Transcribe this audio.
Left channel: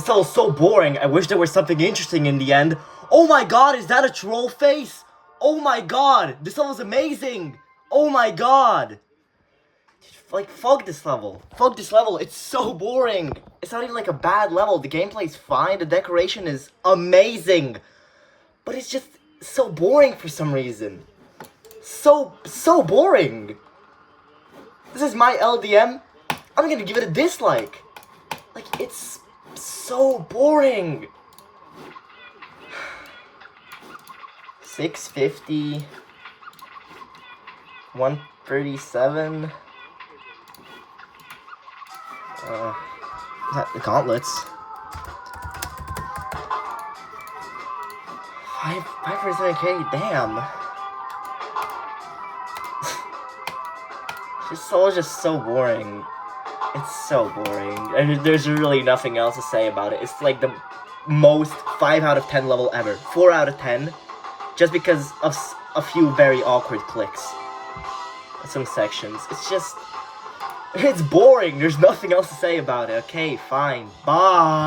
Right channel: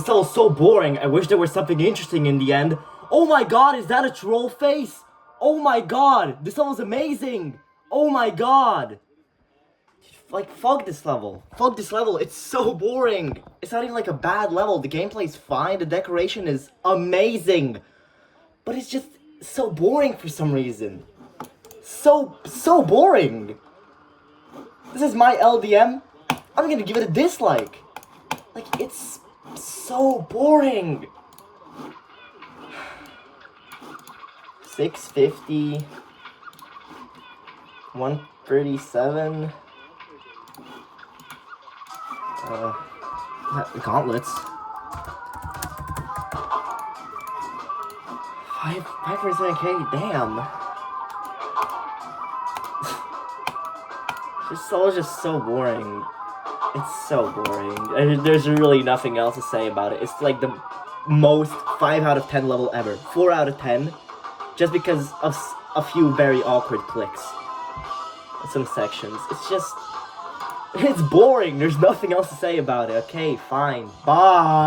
This level's so boring. I wish there was something interesting in the end. Oh my god, is that a troll face? Oh my god, this level's amazing. Oh my god. Like, fuck this level. Fuck this level. It's so boring. It's not even like a bad level. The gameplay's fine. The decoration is amazing. But it's just so boring for some reason. So boring. This is my LDM. I'm gonna give it a dislike. Like, it's so boring. 650. 137. The gauntlets. 5%K, damn. This level is just so boring. It's so boring. There's really nothing else to say about it. It's like the most 5 out of 10 level ever. 4 out of 10. Just because of a few very awkward clicks. Some sections. It's just... It's boring. There's nothing else to say about it. Okay, fine. Bye.